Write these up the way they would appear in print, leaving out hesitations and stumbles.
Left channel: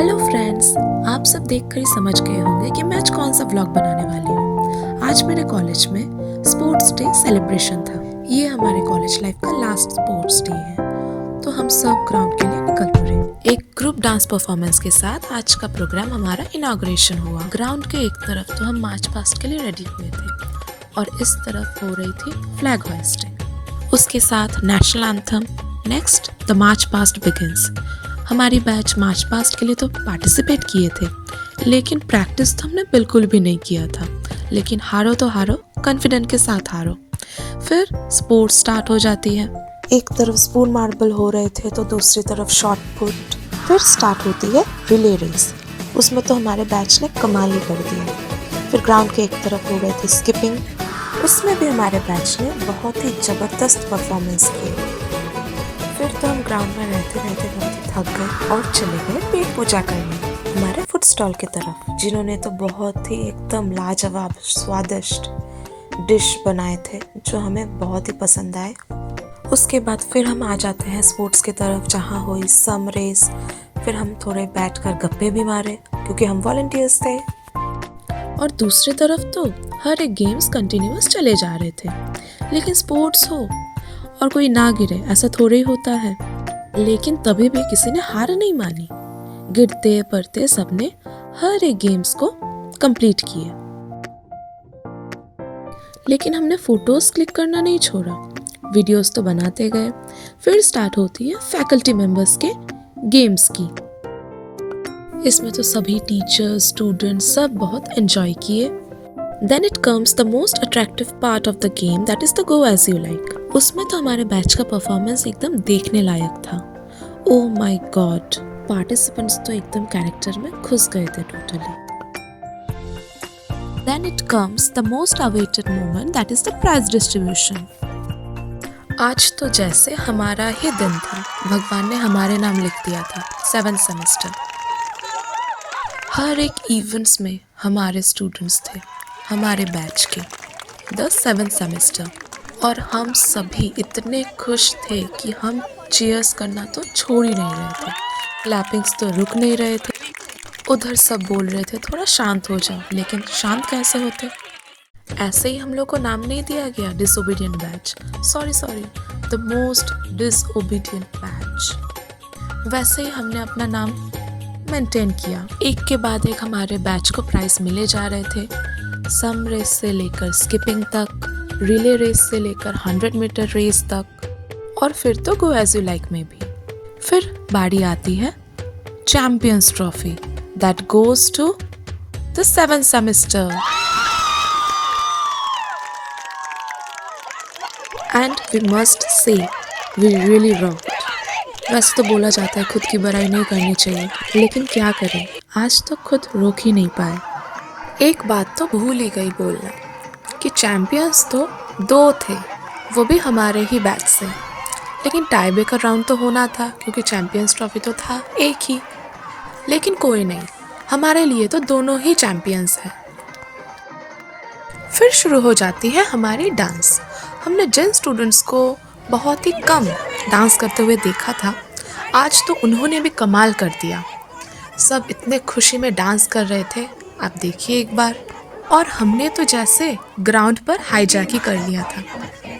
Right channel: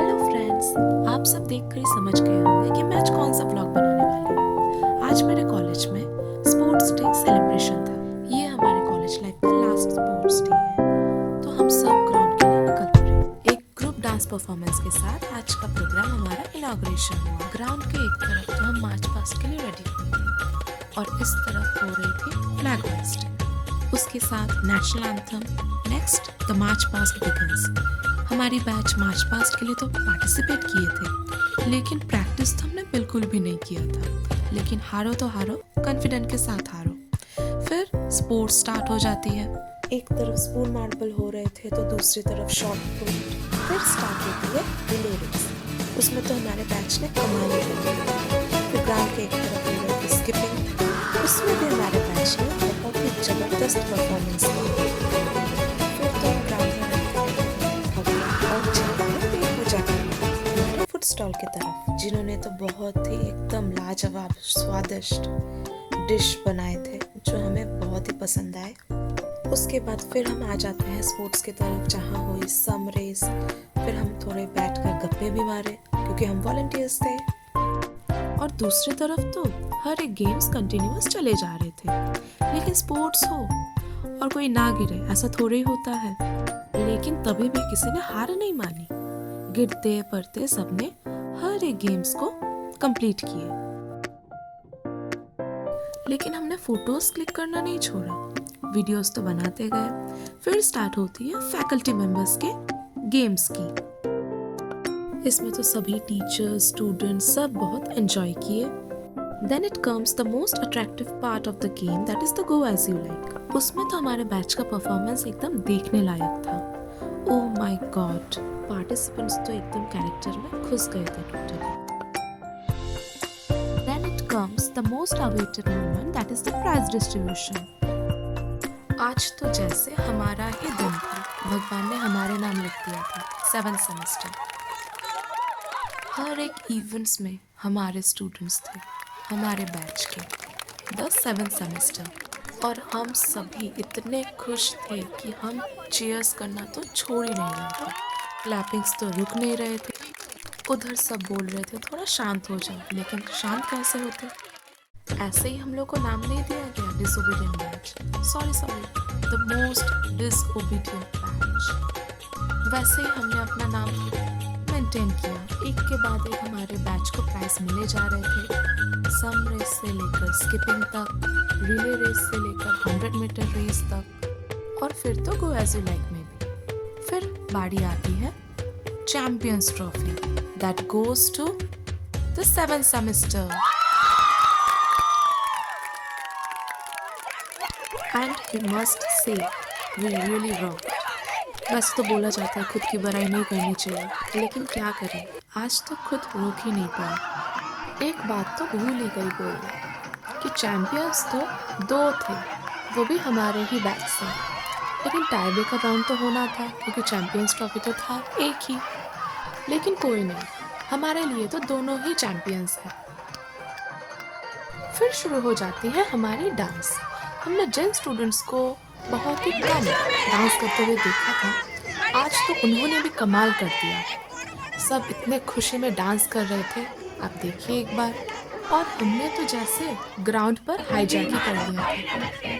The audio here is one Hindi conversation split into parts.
हेलो फ्रेंड्स, आप सब देखकर ही समझ गए होंगे कि मैं आज कौन सा व्लॉग बनाने वाली हूँ। आज मेरे कॉलेज में स्पोर्ट्स डे सेलिब्रेशन था। ये हमारे कॉलेज लाइफ का लास्ट स्पोर्ट्स डे है, तो हम सब ग्राउंड के लिए निकल पड़े। एक ग्रुप डांस परफॉर्मेंस के साथ आज का प्रोग्राम हमारा इनॉग्रेशन हुआ। ग्राउंड के एक तरफ तो हम मार्च पास्ट के लिए रेडी हुए थे और इस तरफ हो रही थी फ्लैग होइस्टिंग। उसके साथ national anthem, next the march past begins. हमारी बैच मार्च पास्ट के लिए तो पार्टिसिपेट किए थे, लेकिन प्रैक्टिस तो हमने बिल्कुल भी नहीं किया था। लेकिन हारो तो हारो, कॉन्फिडेंट के साथ हारो। फिर स्पोर्ट्स स्टार्ट हो जाती है। एक तरफ स्पून मार्बल हो रहे थे तो दूसरी तरफ शॉट पुट। फिर स्टार्ट होती है रिले रेस। उसमें तो हमारे बैच ने कमाल ही कर दिया। फिर ग्राउंड के एक तरफ हो रहे थे स्किपिंग। उसमें भी हमारे बैच ने बहुत ही ज़बरदस्त परफॉर्मेंस की। फिर तो हम ग्राउंड में रहते रहते थक गए और चले गए पेट पूजा करने हमारे फूड स्टॉल की तरफ, जिन्होंने तो बहुत ही एकदम लाजवाब स्वादिष्ट डिश बनाए थे जो हमें बहुत ही पसंद आए। उसके बाद फिर हम आ जाते हैं स्पोर्ट्स की तरफ, जहाँ हुई सम रेस। फिर हम थोड़े बैठकर गप्पे भी मारे क्योंकि हम वॉलंटियर्स थे। और दूसरी तरफ तो हर एक गेम्स कंटिन्यूअस चले जा रहे थे। लेकिन स्पोर्ट्स हो और कोई ना गिरे, ऐसा थोड़े ही होता है। लेकिन तभी भी किसी ने हार नहीं मानी। गिरते पड़ते सबने हर एक गेम्स को कंप्लीट किए। लेकिन हमने फोटोज क्लिक करना नहीं छोड़ा, वीडियोस तो बनाते गए। फिर स्टार्ट होती है फैकल्टी मेंबर्स के गेम्स की। इसमें तो सभी टीचर्स, स्टूडेंट्स सब बहुत एंजॉय किए। Then it comes the most attractive part of the game, that is the go as you like. उसमें तो हमारे बैच का परफॉर्मेंस एकदम देखने लायक था। Oh my God, पार्टिसिपेंट्स तो एकदम कैरेक्टर में घुस गए थे totally. Then it comes the most awaited moment, that is the prize distribution. आज तो जैसे हमारा ही दिन था, भगवान ने हमारे नाम लिख दिया था। 7th semester. हर एक इवेंट्स में हमारे स्टूडेंट्स थे, हमारे बैच के, द 7th सेमेस्टर। और हम सभी इतने खुश थे कि हम चीयर्स करना तो छोड़ ही नहीं रहे थे। क्लैपिंग्स तो रुक नहीं रहे थे। उधर सब बोल रहे थे थोड़ा शांत हो जाओ, लेकिन शांत कैसे होते। ऐसे ही हम लोग को नाम नहीं दिया गया disobedient batch. Sorry, the most disobedient batch. वैसे ही हमने अपना नाम मेंटेन किया। एक के बाद एक हमारे बैच को प्राइज मिले जा रहे थे। सम रेस से लेकर स्किपिंग तक, रिले रेस से लेकर 100 मीटर रेस तक, और फिर तो गो एज यू लाइक में भी। फिर बारी आती है champions trophy, that goes to the 7th semester. And we must say we really rocked. वैसे तो बोला जाता है खुद की बुराई नहीं करनी चाहिए, लेकिन क्या करें, आज तो खुद रोक ही नहीं पाए। एक बात तो भूल ही गई बोलना कि चैंपियंस तो 2 थे, वो भी हमारे ही बैच से। लेकिन टाई ब्रेकर राउंड तो होना था क्योंकि चैंपियंस ट्रॉफी तो था एक ही। लेकिन कोई नहीं, हमारे लिए तो दोनों ही चैंपियंस हैं। फिर शुरू हो जाती है हमारी डांस। हमने जिन स्टूडेंट्स को बहुत ही कम डांस करते हुए देखा था, आज तो उन्होंने भी कमाल कर दिया। सब इतने खुशी में डांस कर रहे थे, आप देखिए एक बार। और हमने तो जैसे ग्राउंड पर हाईजैक ही कर लिया था,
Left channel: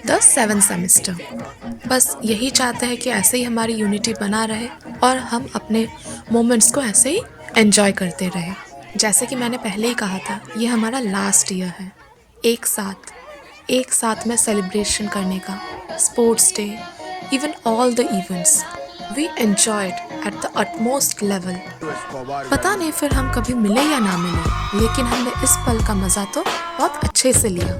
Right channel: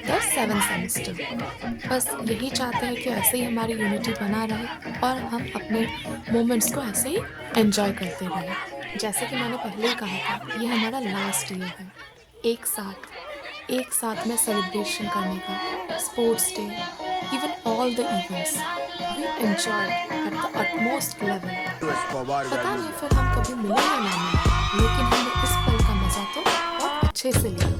द 7th सेमेस्टर। बस यही चाहते हैं कि ऐसे ही हमारी यूनिटी बना रहे और हम अपने मोमेंट्स को ऐसे ही एंजॉय करते रहे। जैसे कि मैंने पहले ही कहा था, ये हमारा लास्ट ईयर है एक साथ में सेलिब्रेशन करने का, sports day, even all the events we enjoyed at the utmost level. पता नहीं फिर हम कभी मिले या ना मिले, लेकिन हमने इस पल का मज़ा तो बहुत अच्छे से लिया।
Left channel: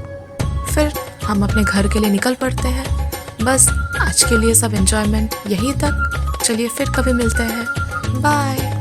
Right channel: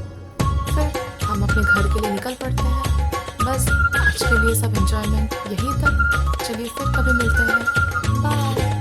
फिर हम अपने घर के लिए निकल पड़ते हैं। बस आज के लिए सब एंजॉयमेंट यहीं तक। चलिए फिर कभी मिलते हैं, बाय।